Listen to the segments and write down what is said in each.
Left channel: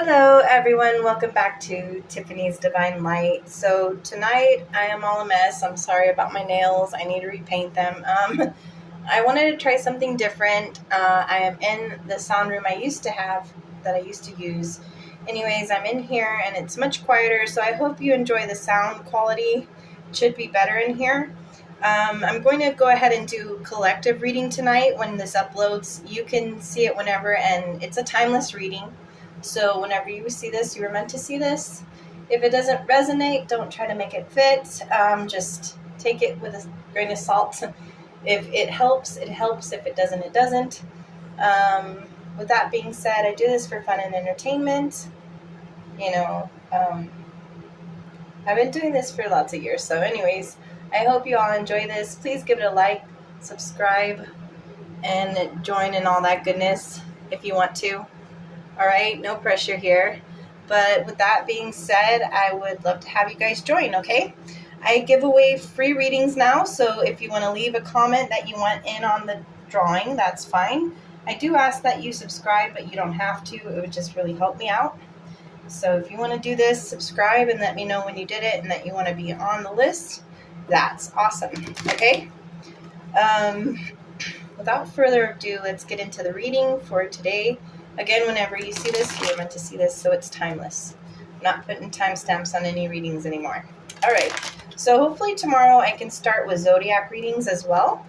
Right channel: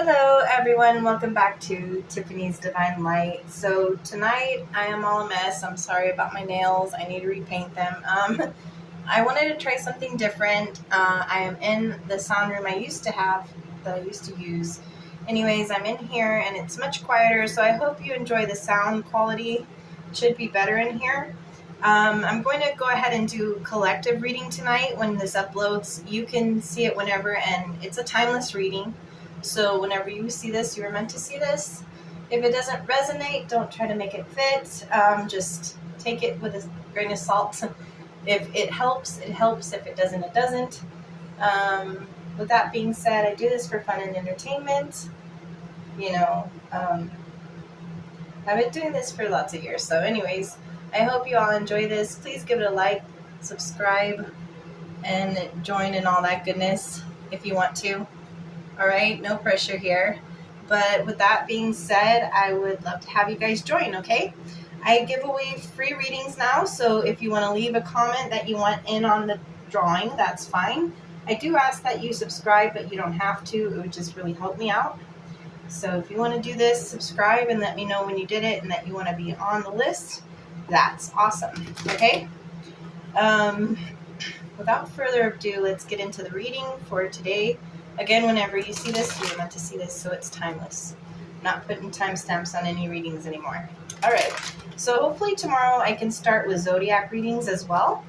Hello everyone, welcome back to Tiffany's Divine Light. So tonight I am all a mess. I'm sorry about my nails. I need to repaint them. I wanted to try something different. I am in the sound room I used to have that I used to use. Anyways, I'm in here and it's much quieter, so I hope you enjoy the sound quality. It should be better in here. I'm going to go ahead and do collective reading tonight when this uploads. You can see it whenever, and it's a timeless reading. So whenever you see this, you were meant to see this. If it doesn't resonate, don't try to make it fit. Just take it with a grain of salt. If it helps, it helps. If it doesn't, it doesn't. With that being said, I do this for fun and entertainment. I've been doing this for lots of years. So anyways, I hope you all enjoy this. Please give it a like, subscribe, and join in all that goodness if you want to. All right, no pressure here. But with that being said, I would love to have you guys join, okay? I give away free readings now, so if you want to leave a comment that you want in on the drawing, that's fine. I do ask that you subscribe, but you don't have to. It would just really help me out. So if you want to do this, subscribe and let me know when you did it and that you want to be on the list. That's awesome, okay? Without further ado, let's get into the reading for today. Again, whenever you see this, you're meant to see this, so it's timeless. I'm not putting timestamps on any readings anymore. All right, so hopefully tomorrow I can start with zodiac readings as well.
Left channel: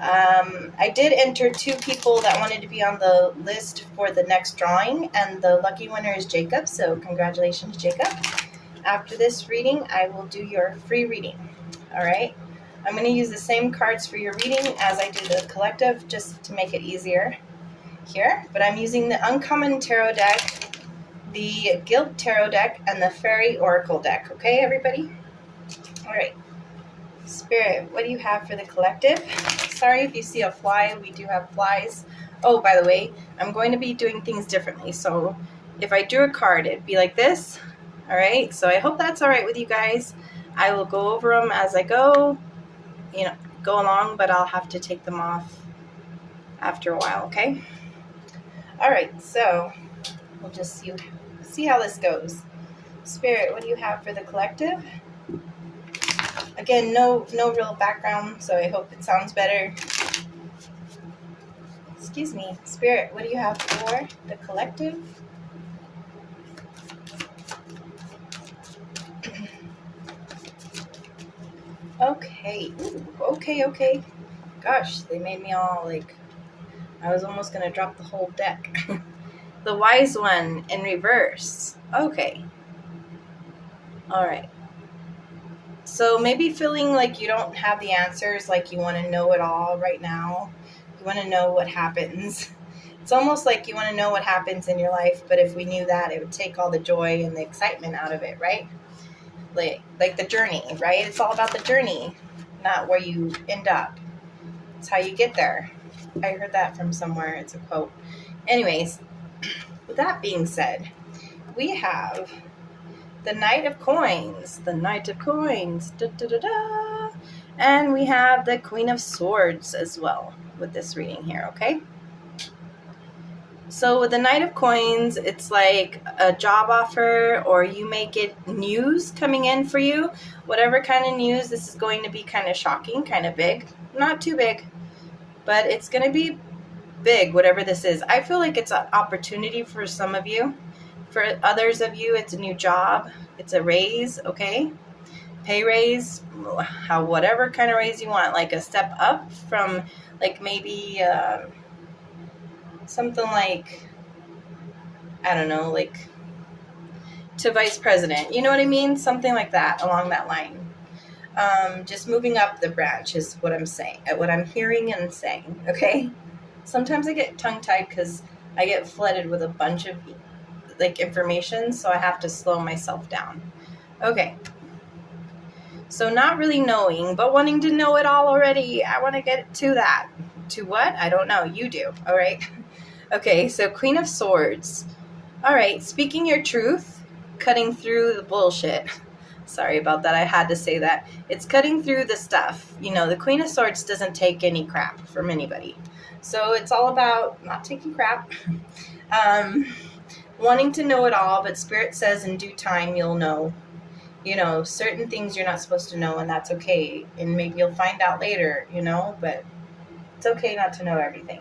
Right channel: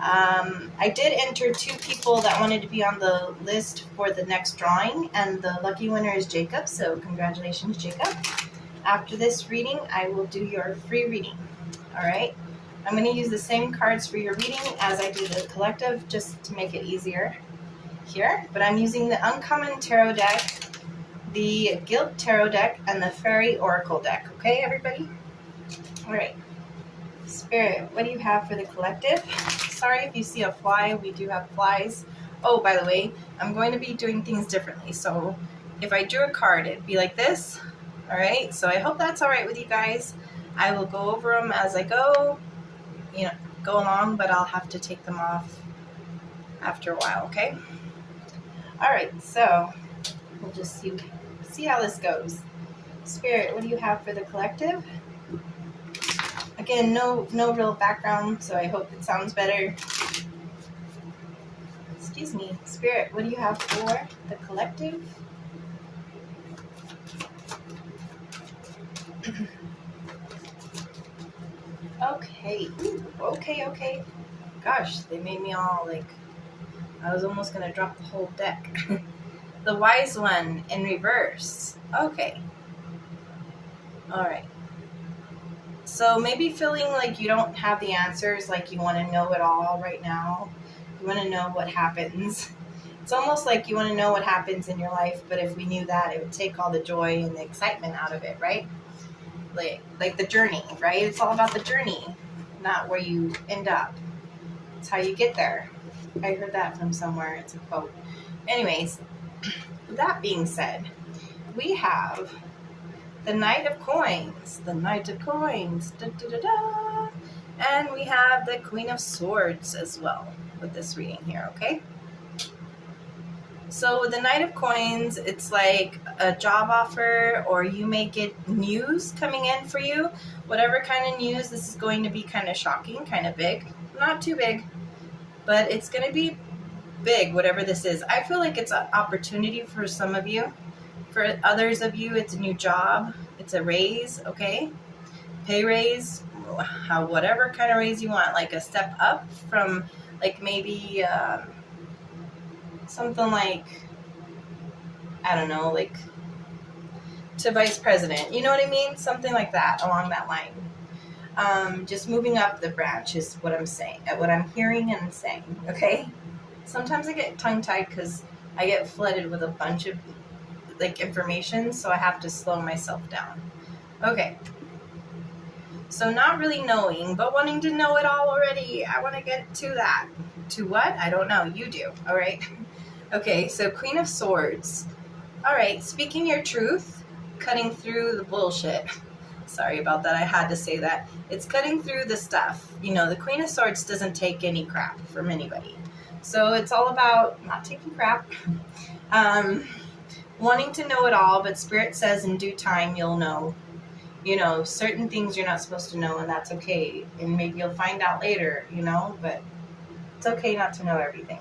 I did enter 2 people that wanted to be on the list for the next drawing, and the lucky winner is Jacob, so congratulations, Jacob. After this reading, I will do your free reading. All right, I'm going to use the same cards for your reading as I do the collective, just to make it easier here, but I'm using the Uncommon Tarot deck, the Guilt Tarot deck, and the Fairy Oracle deck. Okay, everybody? All right. Spirit, what do you have for the collective? Sorry if you see a fly. We do have flies. Oh, by the way, I'm going to be doing things differently. So if I drew a card, it'd be like this. All right. So I hope that's all right with you guys. I will go over them as I go, go along, but I'll have to take them off after a while. Okay. All right, so we'll just see how this goes. Spirit, what do you have for the collective? Again, no real background, so I hope it sounds better. Excuse me. Spirit, what do you have for the collective? Okay. Ooh, okay. Gosh, they made me all like... I was almost going to drop the whole deck. The Wise One in reverse. Okay. All right. So maybe feeling like you don't have the answers, like you want to know it all right now. You want to know what happens. It's almost like you want to know what happens in your life, but if we knew that, it would take all the joy and the excitement out of it, right? Like the journey, right? It's all about the journey, not where you end up. It's how you get there. I heard that from somewhere. It's a quote. Anyways, with that being said, we have the Knight of Coins. The Knight of Coins. Da, da, da, da. And we have the Queen of Swords as well with this reading here, okay? So with the Knight of Coins, it's like a job offer, or you may get news coming in for you. Whatever kind of news, this is going to be kind of shocking, kind of big. Not too big, but it's going to be big, whatever this is. I feel like it's an opportunity for some of you. For others of you, it's a new job. It's a raise, okay? Pay raise, whatever kind of raise you want, like a step up from like maybe something like, I don't know, like to vice president. You know what I mean? Something like that, along that line. Just moving up the branch is what I'm saying, what I'm hearing and saying, okay? Sometimes I get tongue-tied because I get flooded with a bunch of like information, so I have to slow myself down. Okay. So not really knowing, but wanting to know it all already. I want to get to that. To what? I don't know. You do. All right. Okay, so Queen of Swords. All right, speaking your truth, cutting through the bullshit. Sorry about that. I had to say that. It's cutting through the stuff. The Queen of Swords doesn't take any crap from anybody. So it's all about not taking crap. wanting to know it all, but Spirit says in due time you'll know. You know, certain things you're not supposed to know, and that's okay. And maybe you'll find out later, you know, but it's okay not to know everything.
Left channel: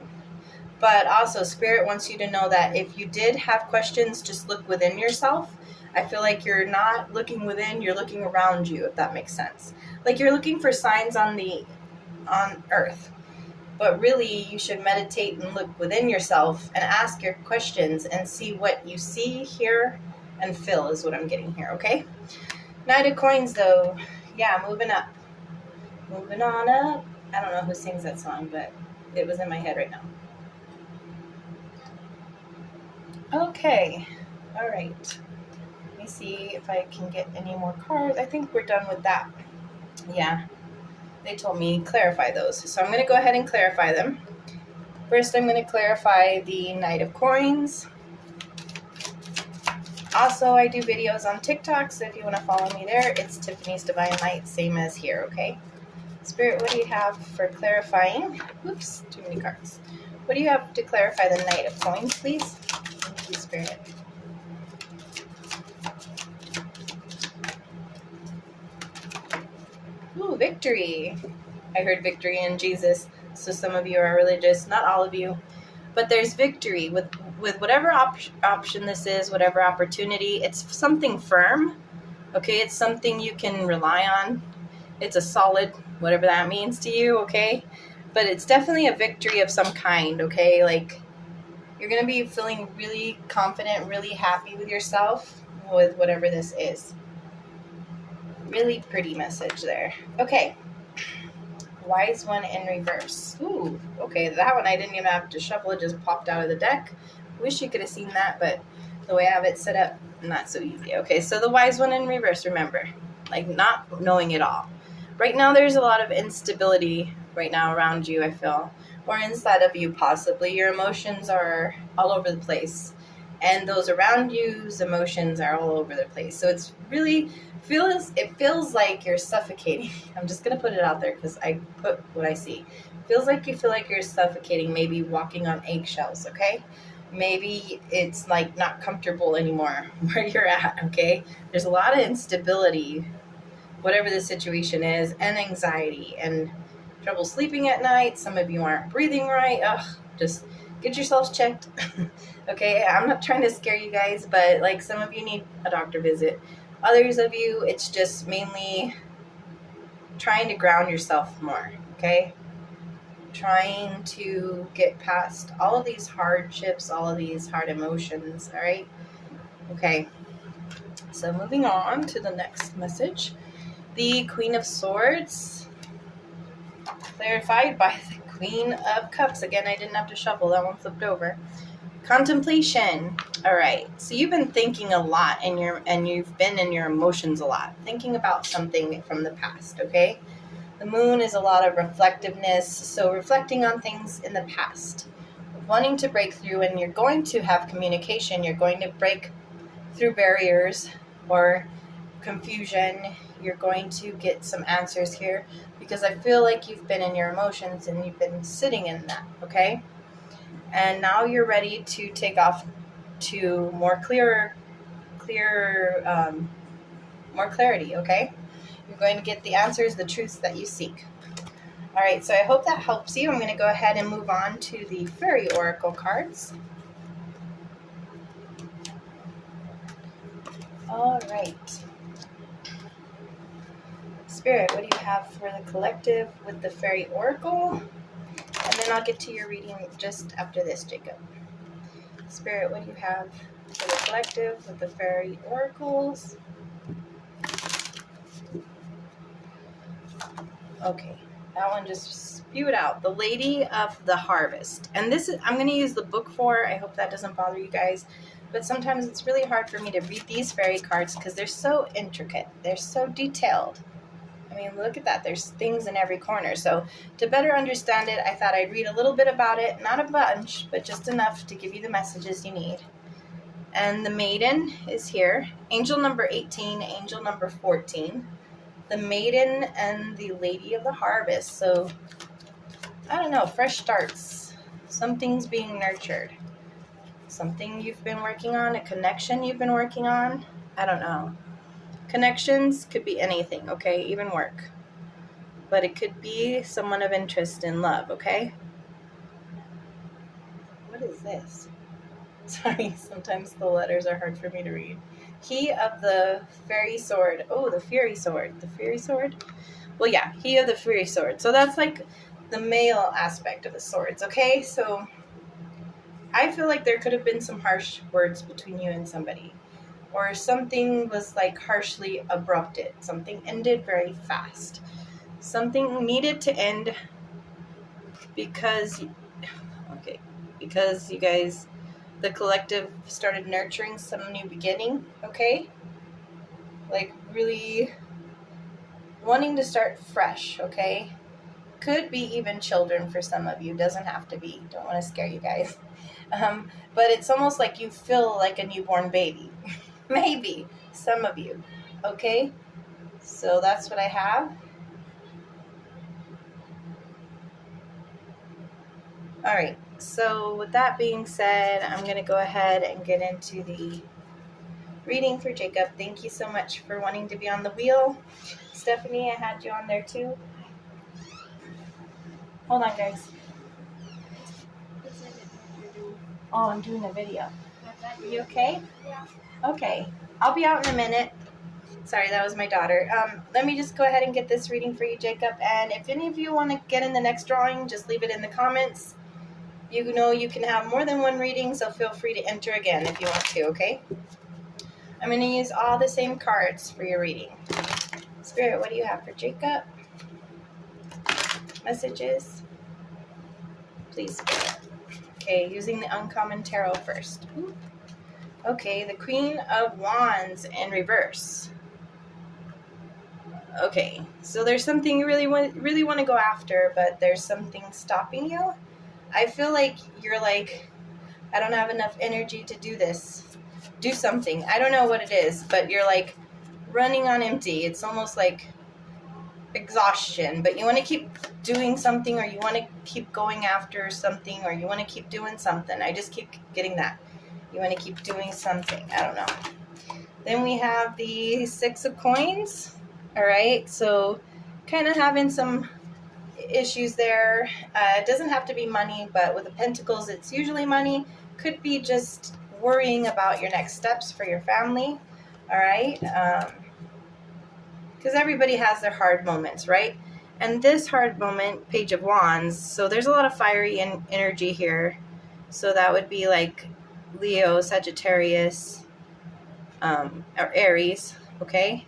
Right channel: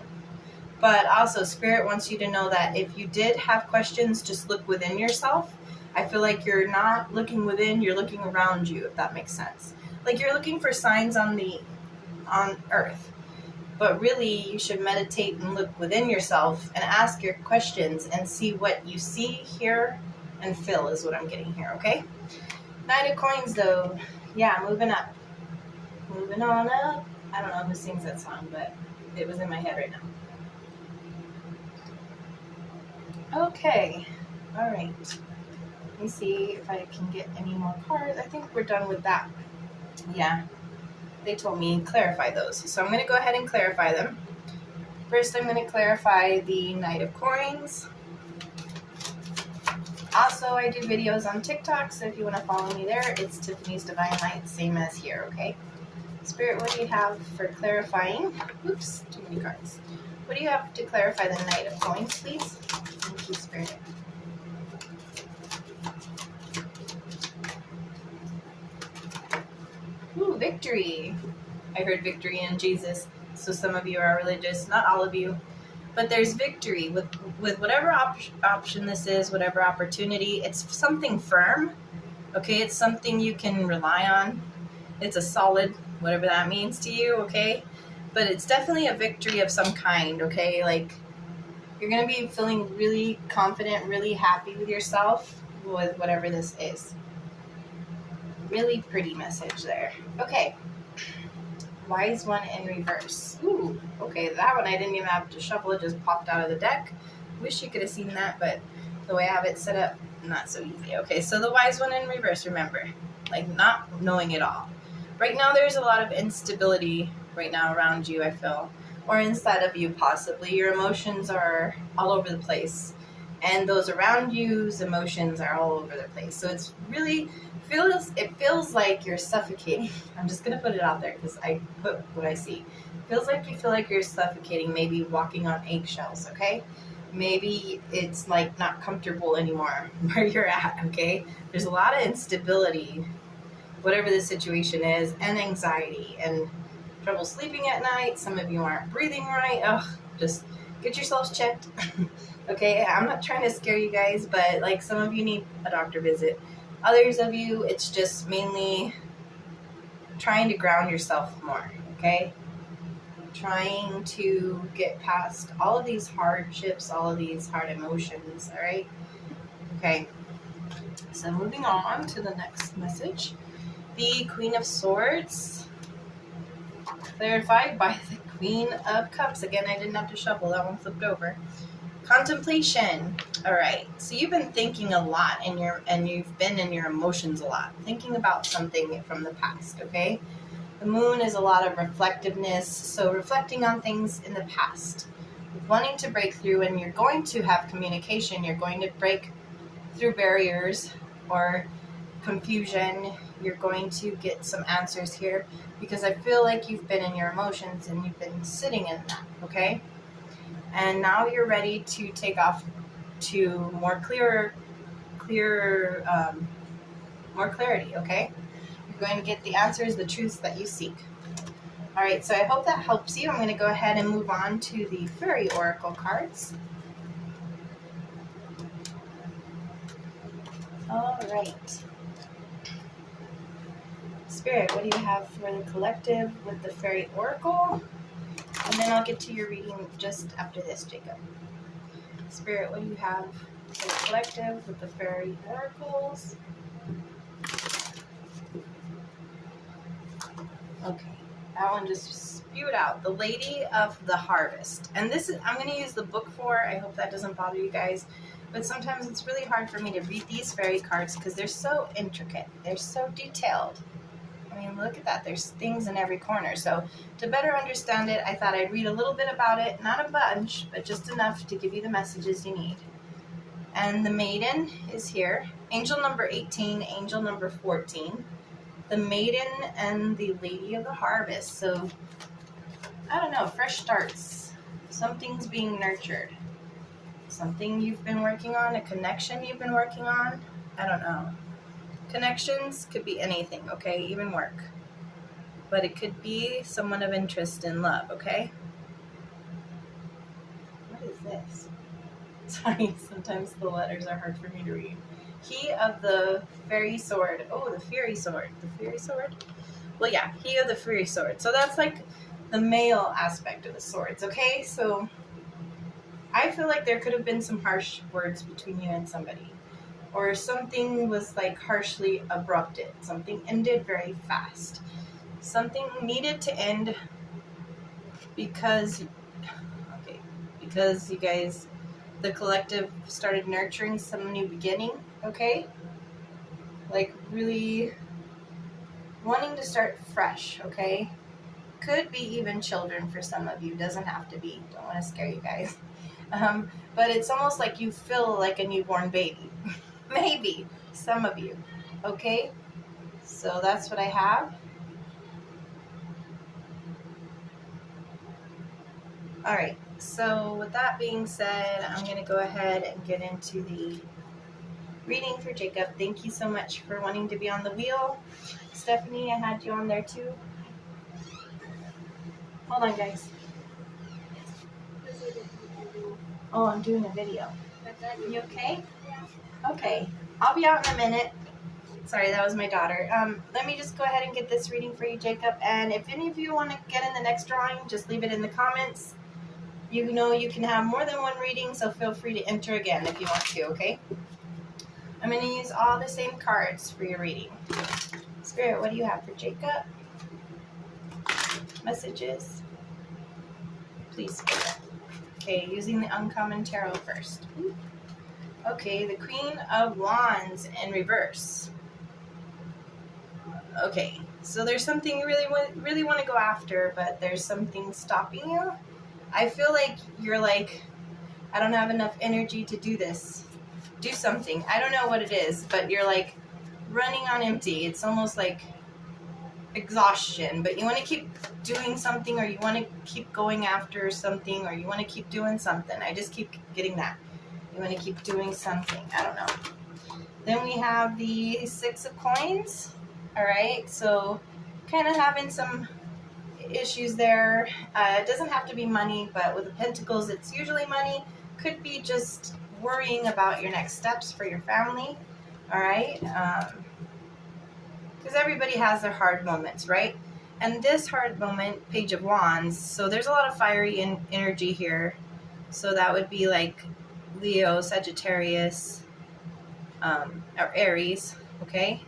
But also, Spirit wants you to know that if you did have questions, just look within yourself. I feel like you're not looking within, you're looking around you, if that makes sense. Like you're looking for signs on earth. But really, you should meditate and look within yourself and ask your questions and see what you see, hear, and feel is what I'm getting here, okay? Knight of Coins, though. Yeah, moving up. Moving on up. I don't know who sings that song, but it was in my head right now. Okay. All right. Let me see if I can get any more cards. I think we're done with that. Yeah. They told me clarify those. So I'm going to go ahead and clarify them. First, I'm going to clarify the Knight of Coins. Also, I do videos on TikTok, so if you want to follow me there, it's Tiffany's Divine Light, same as here, okay? Spirit, what do you have for clarifying? Oops, too many cards. What do you have to clarify the Knight of Coins, please? Thank you, Spirit. Ooh, victory. I heard victory in Jesus. So some of you are religious, not all of you. But there's victory with whatever option this is, whatever opportunity. It's something firm, okay? It's something you can rely on. It's a solid, whatever that means to you, okay? But it's definitely a victory of some kind, okay? Like, you're going to be feeling really confident, really happy with yourself with whatever this is. Really pretty message there. Okay. Wise One in reverse. Ooh, okay, that one I didn't even have to shuffle. It just popped out of the deck. Wish you could have seen that, but the way I have it set up, not so easy. Okay, so the Wise One in reverse, remember, like not knowing it all. Right now there's a lot of instability right now around you, I feel, or inside of you possibly. Your emotions are all over the place, and those around you's emotions are all over the place. So it's really feels like you're suffocating. I'm just gonna put it out there because I put what I see. Feels like you feel like you're suffocating, maybe walking on eggshells, okay? Maybe it's like not comfortable anymore where you're at, okay? There's a lot of instability, whatever the situation is, and anxiety and trouble sleeping at night. Some of you aren't breathing right. Ugh, just get yourselves checked. Okay, I'm not trying to scare you guys, but like some of you need a doctor visit. Others of you, it's just mainly trying to ground yourself more, okay? Trying to get past all of these hardships, all of these hard emotions, all right? Okay, so moving on to the next message. The Queen of Swords, clarified by the Queen of Cups. Again, I didn't have to shuffle, that one flipped over. Contemplation. All right. So you've been thinking a lot and you've been in your emotions a lot, thinking about something from the past, okay? The moon is a lot of reflectiveness, so reflecting on things in the past, wanting to break through, and you're going to have communication. You're going to break through barriers or confusion. You're going to get some answers here because I feel like you've been in your emotions and you've been sitting in that, okay? And now you're ready to take off to more more clarity, okay? You're going to get the answers, the truths that you seek. All right, so I hope that helps you. I'm going to go ahead and move on to the Fairy Oracle cards. All right. Spirit, what do you have for the collective with the Fairy Oracle? And then I'll get to your reading just after this, Jacob. Spirit, what do you have for the collective with the Fairy Oracles? Okay, that one just spewed out. The Lady of the Harvest. And this is, I'm going to use the book for. I hope that doesn't bother you guys. But sometimes it's really hard for me to read these fairy cards because they're so intricate. They're so detailed. I mean, look at that. There's things in every corner. So to better understand it, I thought I'd read a little bit about it. Not a bunch, but just enough to give you the messages you need. And the Maiden is here. Angel number 18, angel number 14. The Maiden and the Lady of the Harvest. So, I don't know, fresh starts. Something's being nurtured. something you've been working on, a connection you've been working on. I don't know. Connections could be anything, okay? Even work. But it could be someone of interest in love, okay? What is this? Sorry, sometimes the letters are hard for me to read. He of the fairy sword. Oh, the fury sword. The fury sword? Well, yeah, he of the fury sword. So that's like the male aspect of the swords, okay? So I feel like there could have been some harsh words between you and somebody. Or something was like harshly abrupted. Something ended very fast. Something needed to end because you guys, the collective, started nurturing some new beginning, okay? Like really wanting to start fresh, okay? Could be even children for some of you. Doesn't have to be. Don't want to scare you guys. But it's almost like you feel like a newborn baby. Maybe some of you, okay? So that's what I have. All right, so with that being said, I'm going to go ahead and get into the reading for Jacob. Thank you so much for wanting to be on the wheel. Stephanie, I had you on there too. Hold on, guys. Oh, I'm doing a video. You okay? Yeah. Okay. I'll be out in a minute. Sorry, that was my daughter. Let me just go ahead and get this reading for you, Jacob. And if any of you want to get in the next drawing, just leave it in the comments. You know you can have more than one reading, so feel free to enter again if you want to, okay? I'm going to use all the same cards for your reading. Spirit, what do you have for Jacob? Messages? Please, Spirit. Okay, using the Uncommon Tarot first. Okay, the Queen of Wands in reverse. Okay, so there's something you really want to go after, but there's something stopping you. I feel like you're like, I don't have enough energy to do this. Do something. I don't know what it is, but you're like running on empty. It's almost like exhaustion, but you want to keep doing something, or you want to keep going after something, or you want to keep doing something. I just keep getting that. You want to keep doing something. I don't know. Then we have the Six of Coins. All right, so kind of having some issues there. It doesn't have to be money, but with the Pentacles, it's usually money. Could be just worrying about your next steps for your family. All right, because everybody has their hard moments, right? And this hard moment, Page of Wands, so there's a lot of fiery energy here. So that would be like Leo, Sagittarius, or Aries, okay?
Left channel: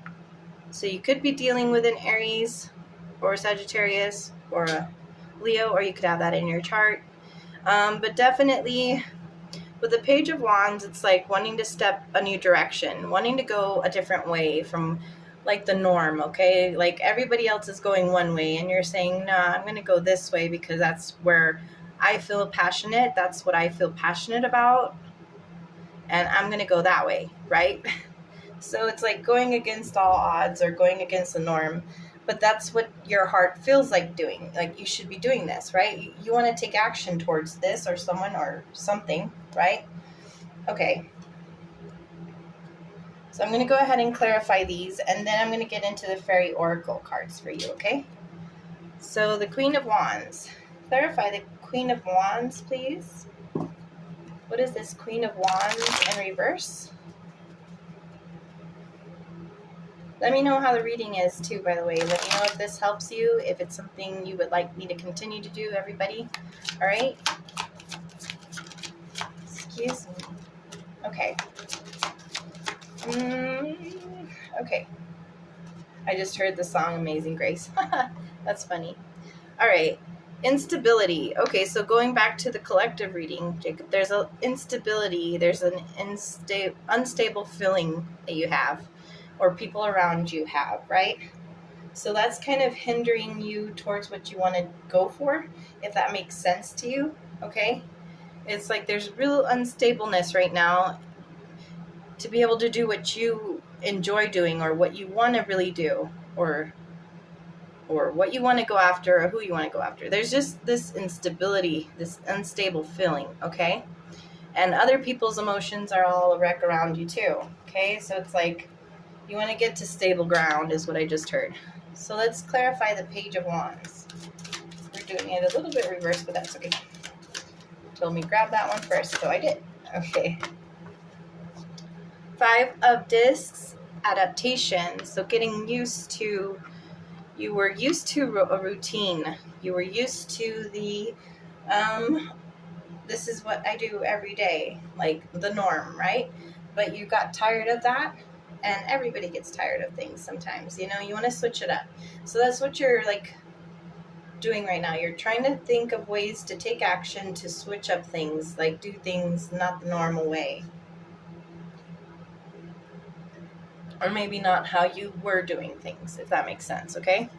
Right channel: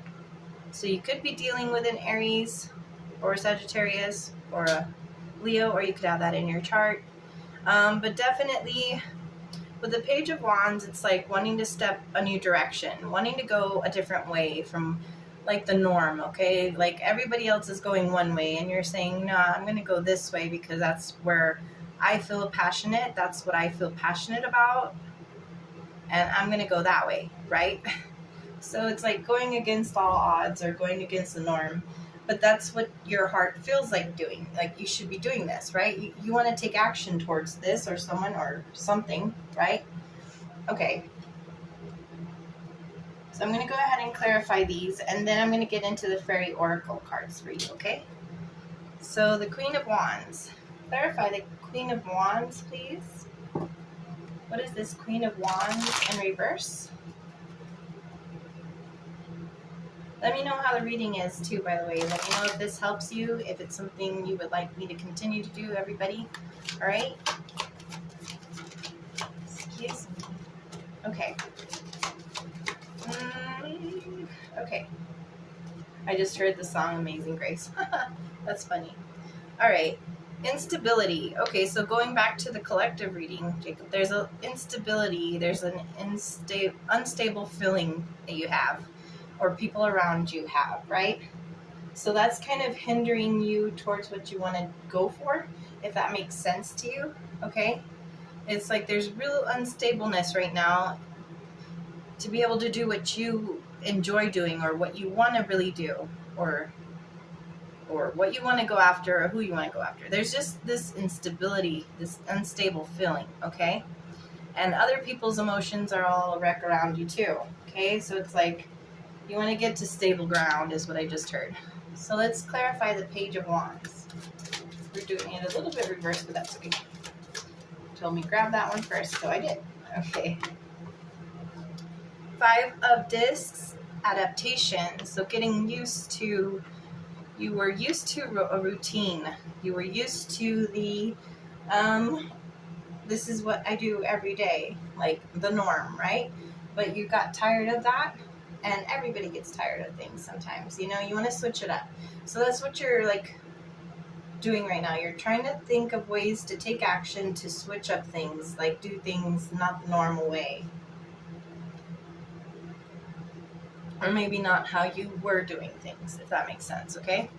So you could be dealing with an Aries or a Sagittarius or a Leo, or you could have that in your chart. But definitely with the Page of Wands, it's like wanting to step a new direction, wanting to go a different way from like the norm, okay? Like everybody else is going one way and you're saying, no, I'm going to go this way because that's where I feel passionate. That's what I feel passionate about. And I'm going to go that way, right? So it's like going against all odds or going against the norm. But that's what your heart feels like doing. Like you should be doing this, right? You want to take action towards this or someone or something, right? Okay. So I'm going to go ahead and clarify these, and then I'm going to get into the Fairy Oracle cards for you, okay? So the Queen of Wands. Clarify the Queen of Wands, please. What is this Queen of Wands in reverse? Let me know how the reading is too, by the way. Let me know if this helps you, if it's something you would like me to continue to do, everybody. All right? Excuse me. Okay. Okay. I just heard the song Amazing Grace. That's funny. All right. Instability. Okay, so going back to the collective reading, Jacob, there's an instability. There's an unstable feeling that you have, or people around you have, right? So that's kind of hindering you towards what you want to go for, if that makes sense to you, okay? It's like there's real unstableness right now to be able to do what you enjoy doing, or what you want to really do, or what you want to go after, or who you want to go after. There's just this instability, this unstable feeling, okay? And other people's emotions are all a wreck around you too. Okay, so it's like you want to get to stable ground is what I just heard. So let's clarify the Page of Wands. We're doing it a little bit reversed, but that's okay. Told me grab that one first, so I did. Okay. 5 of Discs, adaptation. So getting used to, you were used to a routine. You were used to the, this is what I do every day, like the norm, right? But you got tired of that, and everybody gets tired of things sometimes. You know, you want to switch it up. So that's what you're like doing right now. You're trying to think of ways to take action to switch up things, like do things not the normal way. Or maybe not how you were doing things, if that makes sense, okay?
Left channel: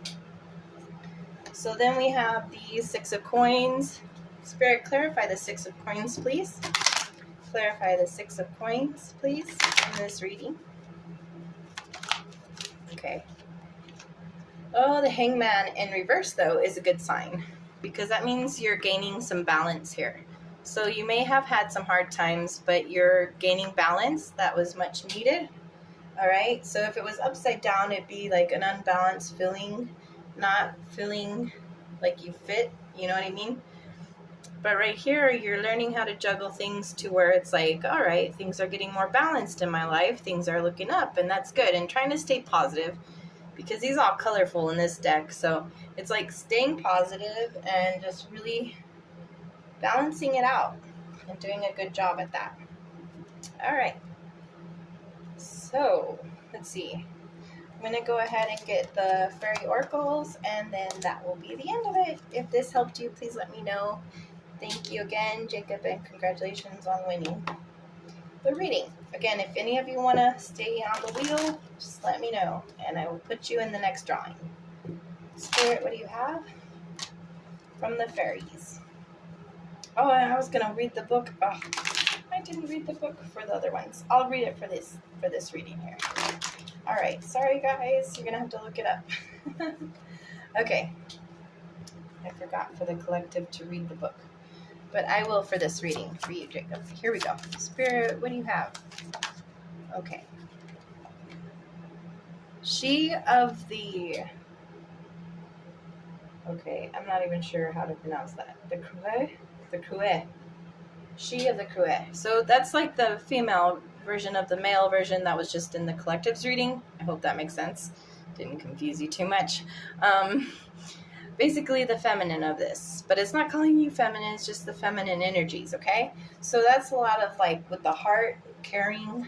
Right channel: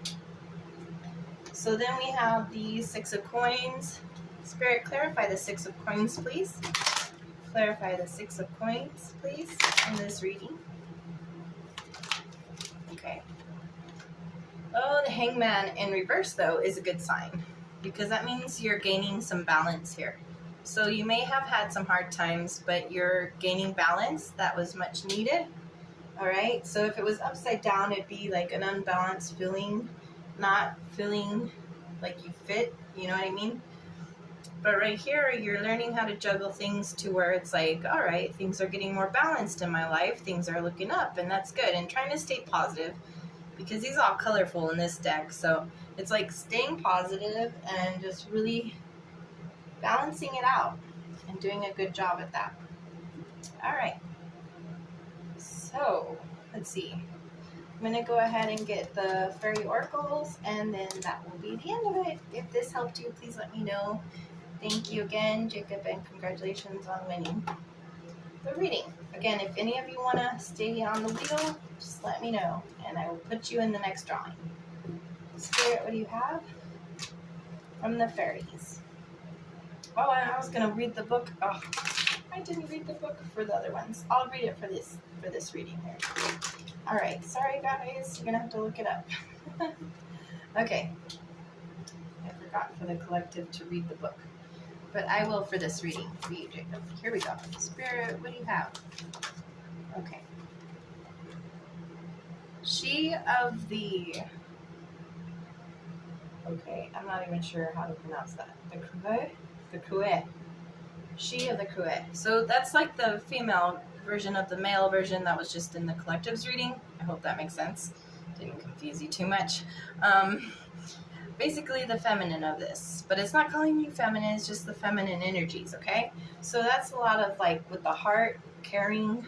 So then we have the 6 of Coins. Spirit, clarify the 6 of Coins, please. Clarify the 6 of Coins, please, in this reading. Okay. Oh, the Hangman in reverse, though, is a good sign, because that means you're gaining some balance here. So you may have had some hard times, but you're gaining balance. That was much needed. All right, so if it was upside down, it'd be like an unbalanced feeling, not feeling like you fit, you know what I mean? But right here, you're learning how to juggle things to where it's like, all right, things are getting more balanced in my life, things are looking up, and that's good. And trying to stay positive, because these are all colorful in this deck, so it's like staying positive and just really balancing it out and doing a good job at that. All right. So, let's see. I'm going to go ahead and get the fairy oracles, and then that will be the end of it. If this helped you, please let me know. Thank you again, Jacob, and congratulations on winning the reading. Again, if any of you want to stay on the wheel, just let me know, and I will put you in the next drawing. Spirit, what do you have from the fairies? Oh, I was going to read the book. Oh, I didn't read the book for the other ones. I'll read it for this reading here. All right. Sorry, guys. You're going to have to look it up. Okay. I forgot for the collective to read the book. But I will for this reading for you, Jacob. Here we go. Spirit, what do you have? Okay. She of the... Okay, I'm not even sure how to pronounce that. The Crue? The Crue. She of the Crue. So that's like the female version of the male version that was just in the collective's reading. I hope that makes sense. Didn't confuse you too much. Basically the feminine of this. But it's not calling you feminine, it's just the feminine energies, okay? So that's a lot of like with the heart, caring,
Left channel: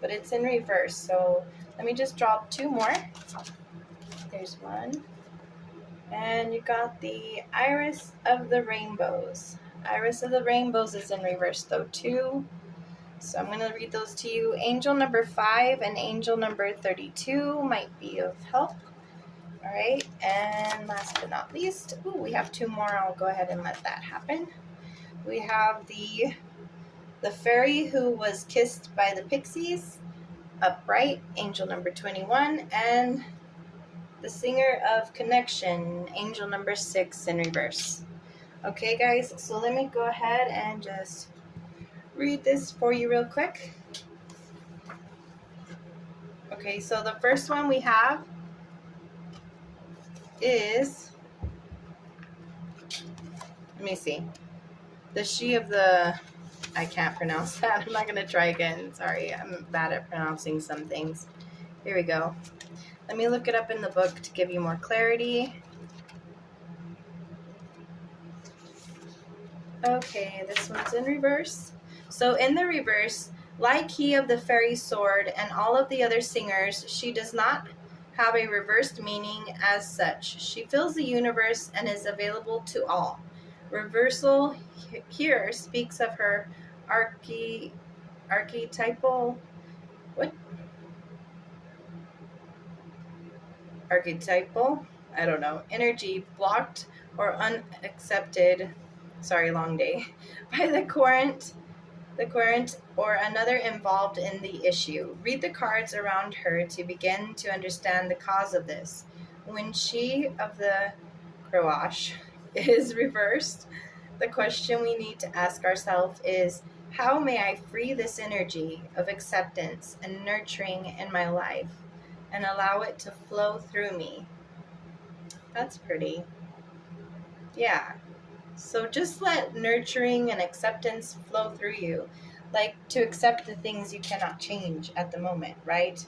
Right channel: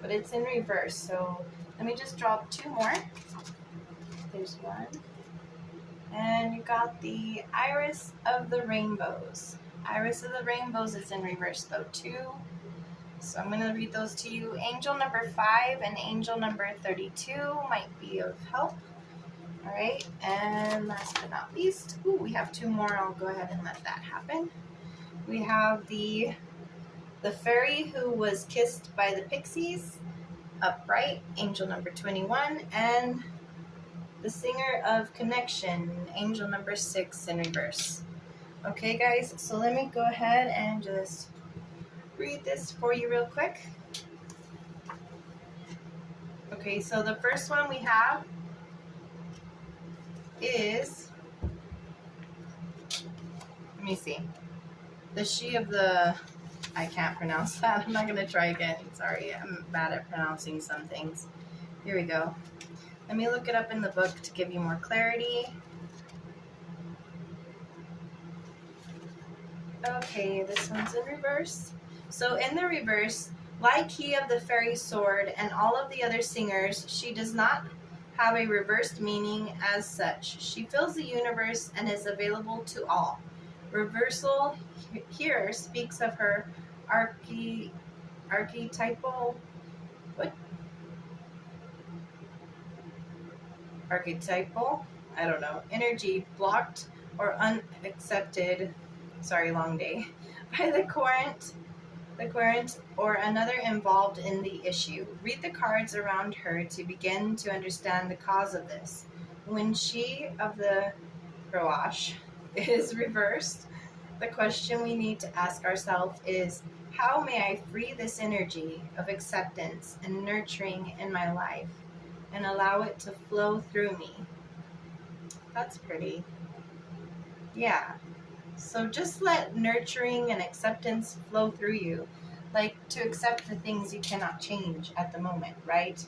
but it's in reverse. So let me just draw 2 more. There's one. And you got the Iris of the Rainbows. Iris of the Rainbows is in reverse though too. So I'm going to read those to you. Angel number 5 and angel number 32 might be of help. All right, and last but not least, we have 2 more. I'll go ahead and let that happen. We have the fairy who was kissed by the pixies, upright, angel number 21, and the singer of connection, angel number 6 in reverse. Okay, guys, so let me go ahead and just read this for you real quick. Okay, so the first one we have is, let me see, the she of the, I can't pronounce that. I'm not going to try again. Sorry, I'm bad at pronouncing some things. Here we go. Let me look it up in the book to give you more clarity. Okay, this one's in reverse. So in the reverse, like he of the fairy sword and all of the other singers, she does not have a reversed meaning as such. She fills the universe and is available to all. Reversal here speaks of her archetypal, I don't know, energy blocked or unaccepted, sorry, long day, by the current or another involved in the issue. Read the cards around her to begin to understand the cause of this. When she of the Croash is reversed, The question we need to ask ourselves is, how may I free this energy of acceptance and nurturing in my life and allow it to flow through me? That's pretty. Yeah. So just let nurturing and acceptance flow through you. Like to accept the things you cannot change at the moment, right?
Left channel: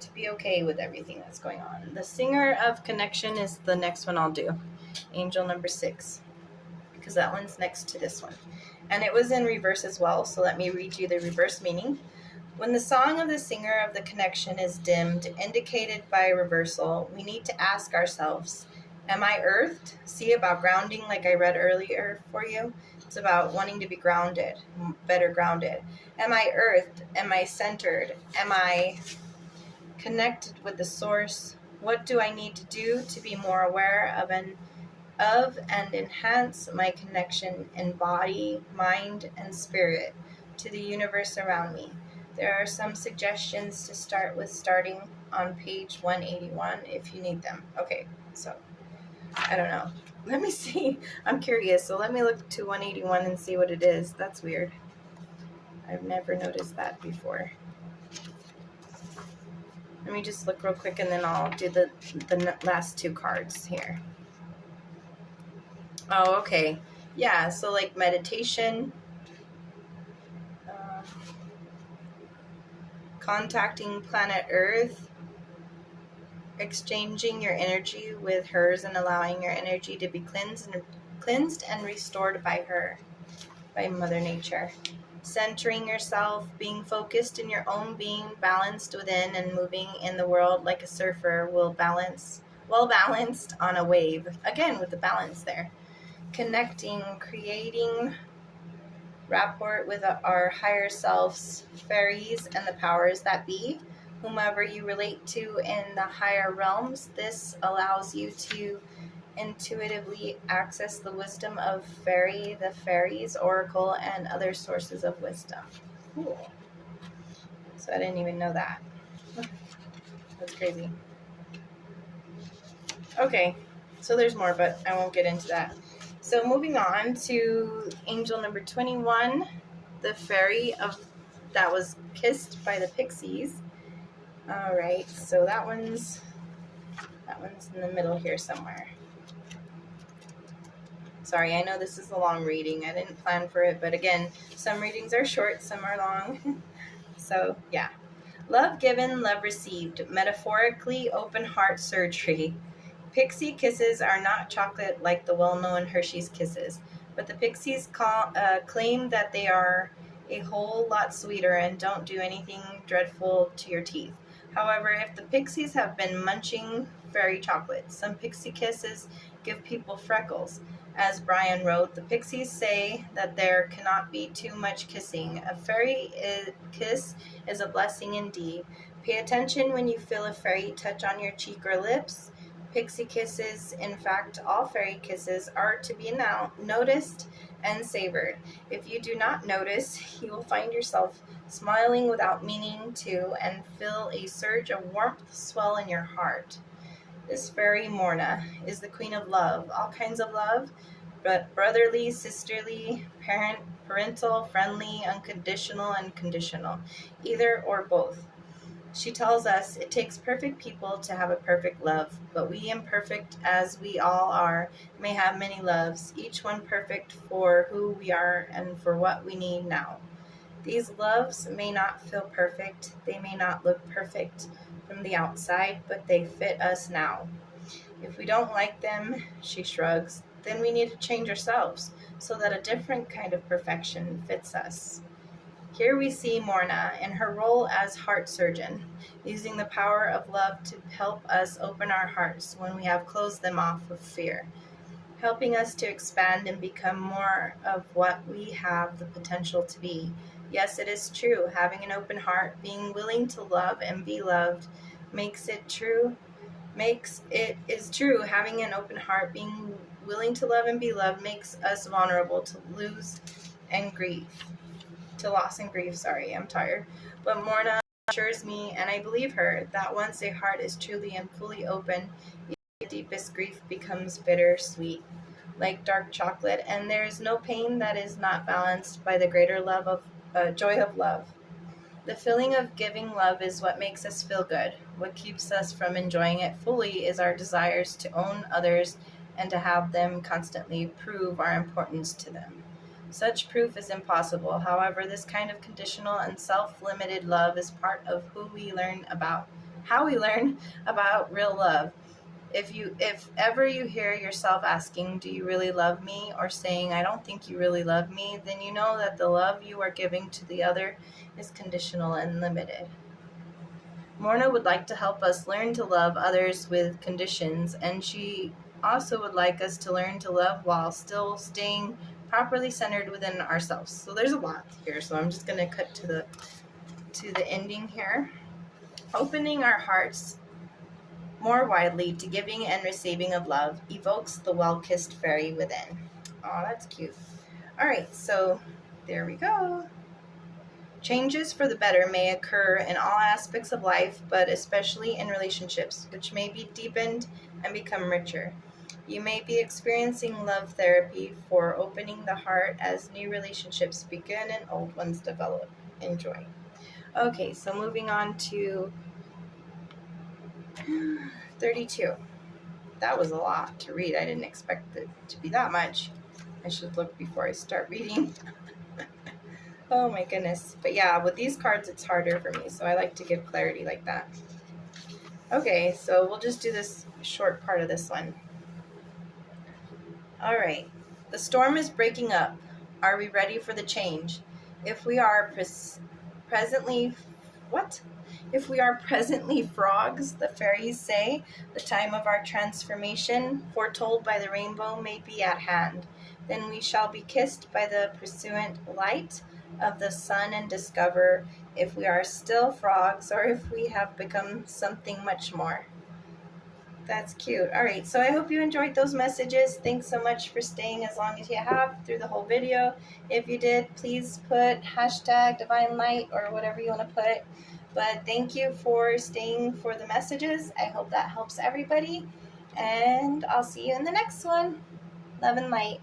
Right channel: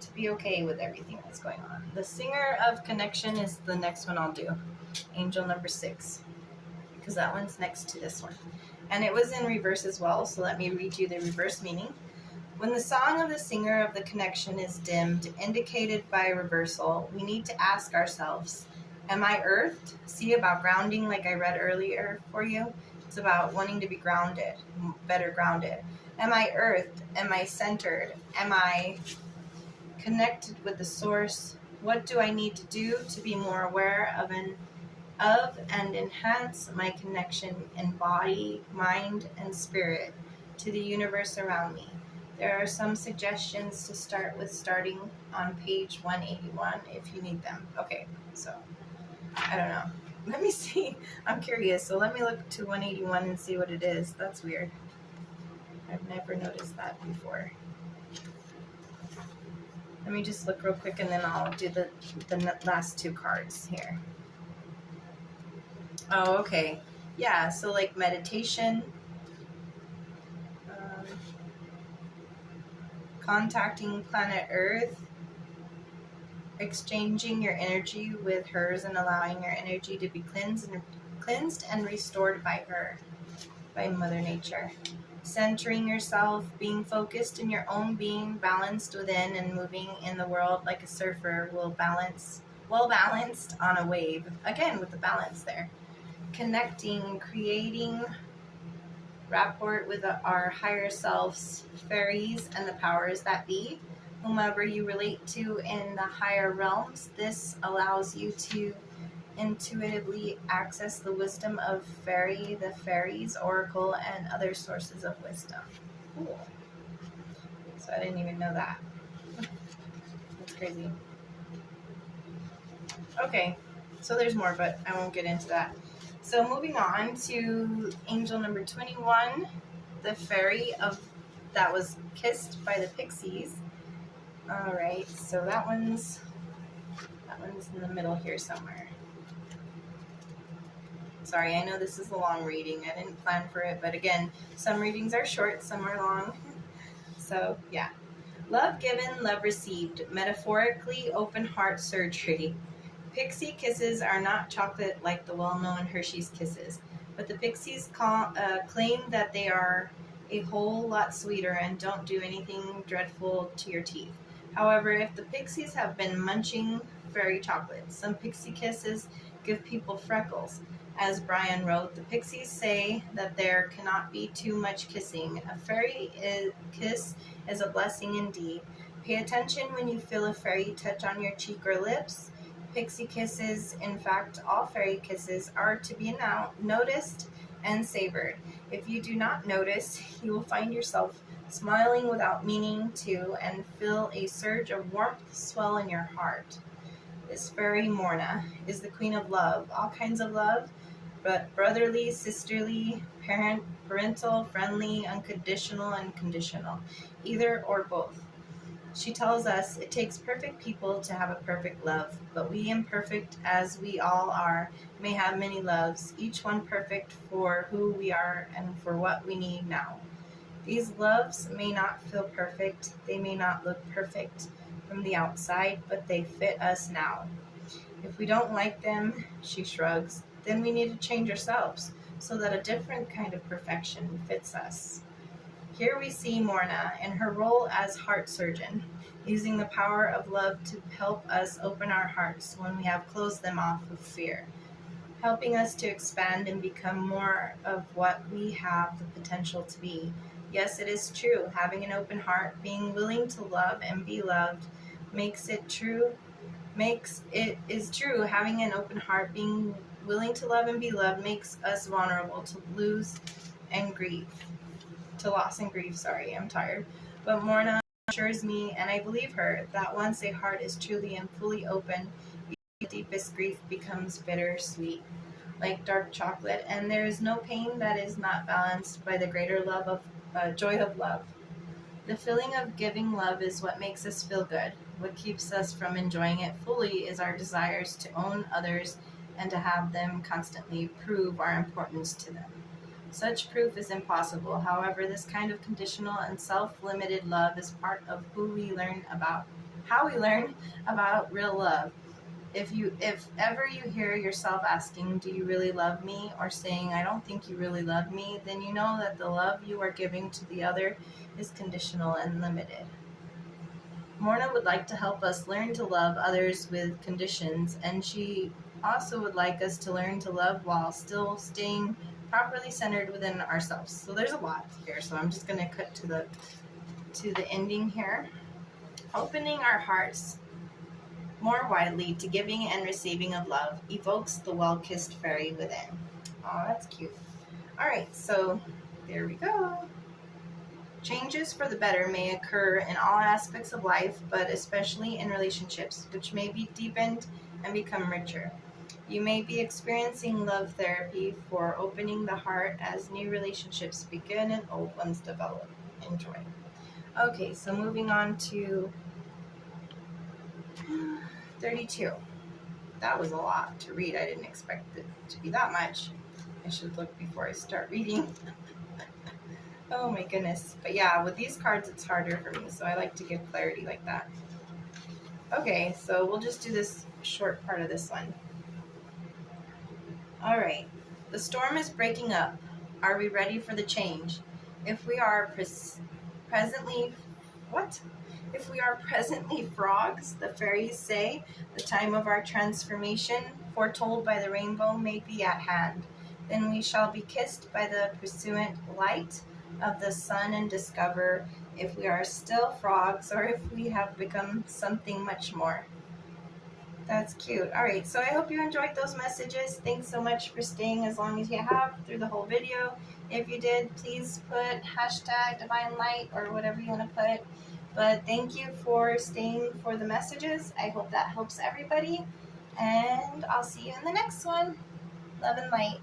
To be okay with everything that's going on. The singer of connection is the next one I'll do. Angel number 6. Because that one's next to this one. And it was in reverse as well, so let me read you the reverse meaning. When the song of the singer of the connection is dimmed, indicated by reversal, we need to ask ourselves, am I earthed? See about grounding like I read earlier for you? It's about wanting to be grounded, better grounded. Am I earthed? Am I centered? Am I connected with the source? What do I need to do to be more aware of and enhance my connection in body, mind, and spirit to the universe around me? There are some suggestions to start with, starting on page 181 if you need them. Okay, so I don't know. Let me see. I'm curious, so let me look to 181 and see what it is. That's weird. I've never noticed that before. Let me just look real quick and then I'll do the last 2 cards here. Oh, okay. Yeah, so like meditation, contacting planet Earth, exchanging your energy with hers and allowing your energy to be cleansed and restored by her, by Mother Nature. Centering yourself, being focused in your own being, balanced within and moving in the world like a surfer well balanced on a wave. Again, with the balance there. Connecting, creating rapport with our higher selves, fairies, and the powers that be, whomever you relate to in the higher realms. This allows you to intuitively access the wisdom of the fairies, oracle, and other sources of wisdom. Cool. So I didn't even know that. That's crazy. Okay, so there's more, but I won't get into that. So moving on to angel number 21, the fairy that was kissed by the pixies. All right, so that one's in the middle here somewhere. Sorry, I know this is a long reading. I didn't plan for it, but again, some readings are short, some are long. So yeah. Love given, love received. Metaphorically, open heart surgery. Pixie kisses are not chocolate like the well-known Hershey's Kisses, but the pixies claim that they are a whole lot sweeter and don't do anything dreadful to your teeth. However, if the pixies have been munching fairy chocolates, some pixie kisses give people freckles. As Brian wrote, the pixies say that there cannot be too much kissing. A fairy kiss is a blessing indeed. Pay attention when you feel a fairy touch on your cheek or lips. Pixie kisses, in fact, all fairy kisses, are to be noticed and savored. If you do not notice, you will find yourself smiling without meaning to and feel a surge of warmth swell in your heart. This fairy Morna is the queen of love, all kinds of love, but brotherly, sisterly, parental, friendly, unconditional, and conditional, either or both. She tells us it takes perfect people to have a perfect love, but we, imperfect as we all are, may have many loves, each one perfect for who we are and for what we need now. These loves may not feel perfect, they may not look perfect from the outside, but they fit us now. If we don't like them, she shrugs, then we need to change ourselves so that a different kind of perfection fits us. Here we see Morna in her role as heart surgeon, using the power of love to help us open our hearts when we have closed them off with fear, helping us to expand and become more of what we have the potential to be. Yes, it is true, having an open heart, being willing to love and be loved, is true, having an open heart, being willing to love and be loved, makes us vulnerable to loss and grief. I'm tired. But Morna assures me, and I believe her, that once a heart is truly and fully open, even the deepest grief becomes bittersweet. like dark chocolate, and there is no pain that is not balanced by the greater love of joy of love. The feeling of giving love is what makes us feel good. What keeps us from enjoying it fully is our desires to own others and to have them constantly prove our importance to them. Such proof is impossible. However, this kind of conditional and self-limited love is part of how we learn about real love. If ever you hear yourself asking, "Do you really love me?" or saying, "I don't think you really love me," then you know that the love you are giving to the other is conditional and limited. Morna would like to help us learn to love others with conditions, and she also would like us to learn to love while still staying properly centered within ourselves. So there's a lot here, so I'm just going to cut to the ending here. Opening our hearts more widely to giving and receiving of love evokes the well-kissed fairy within. Oh, that's cute. All right, so there we go. Changes for the better may occur in all aspects of life, but especially in relationships, which may be deepened and become richer. You may be experiencing love therapy for opening the heart as new relationships begin and old ones develop. Enjoy. Okay, so moving on to 32. That was a lot to read. I didn't expect it to be that much. I should look before I start reading. Oh my goodness. But yeah, with these cards, it's harder for me, so I like to give clarity like that. Okay, so we'll just do this short part of this one. All right. The storm is breaking up. Are we ready for the change? If we are presently frogs, the fairies say, the time of our transformation, foretold by the rainbow, may be at hand. Then we shall be kissed by the pursuant light of the sun and discover if we are still frogs or if we have become something much more. That's cute. All right, so I hope you enjoyed those messages. Thanks so much for staying as long as you have through the whole video. If you did, please put #DivineLight or whatever you want to put. But thank you for staying for the messages. I hope that helps everybody. And I'll see you in the next one. Love and light.